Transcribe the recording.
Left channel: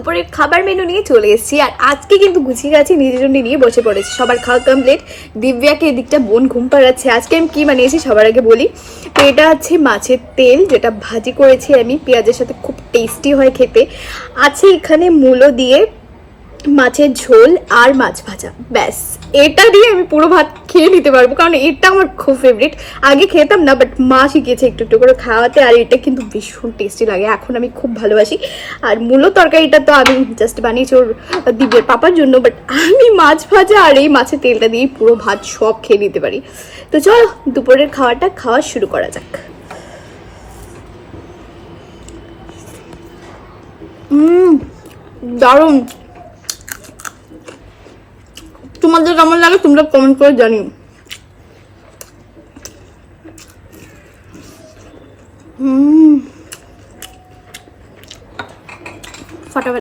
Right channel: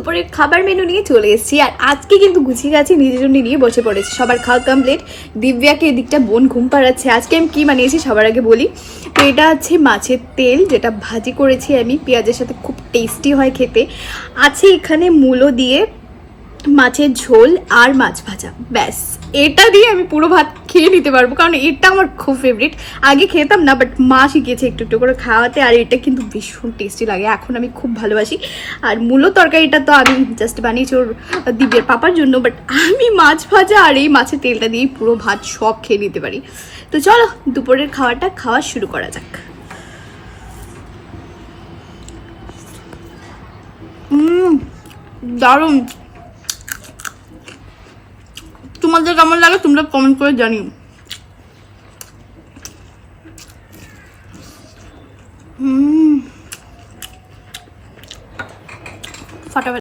দুপুরের খাবার মেনু নিয়ে চলে এসেছি। আর আজকে কিন্তু গুছিয়ে গেছি, নিজের জন্য নিয়ে বসে পড়েছি। সবার খাওয়া কমপ্লিট দিব্যাকে এদিকটা বোন ঘুম পাড়াচ্ছে। আজকে আমি কী বানিয়েছি সবার আগে বলি। তো এটা আছে মাছের তেল, যেটা ভাজি করেছি আমি। পেঁয়াজের সাথে খুব টেস্টি হয় খেতে। আছে এখানে মূলো দিয়ে মাছের ঝোল আর মাছ ভাজা। ব্যাস। এটা দিয়ে আমি পুরো ভাত খেয়ে নিতে পারব, কারণ এটা আমার খুব ফেভারিট আগে খেতাম না বাট মা শিখিয়েছে একটু একটু করে খাওয়াতে, আর এটা কিন্তু ভীষণ টেস্টি লাগে। এখন আমি খুব ভালোবাসি। আর মূলো তরকারিটা তো আমি জাস্ট বানিয়েছি ওর দিব্যের পাপার জন্য বাট আমি মাছ ভাজা আর এই মাছের তেলটা দিয়ে পুরো ভাত সব খেয়ে নিতে পারি। তো চলো, দুপুরের খাওয়াটা খাওয়া শুরু করা যাক। দারুণ। তোমাদের কেমন লাগে তোমরা কমেন্ট করে জানিও। ফাটাফাটি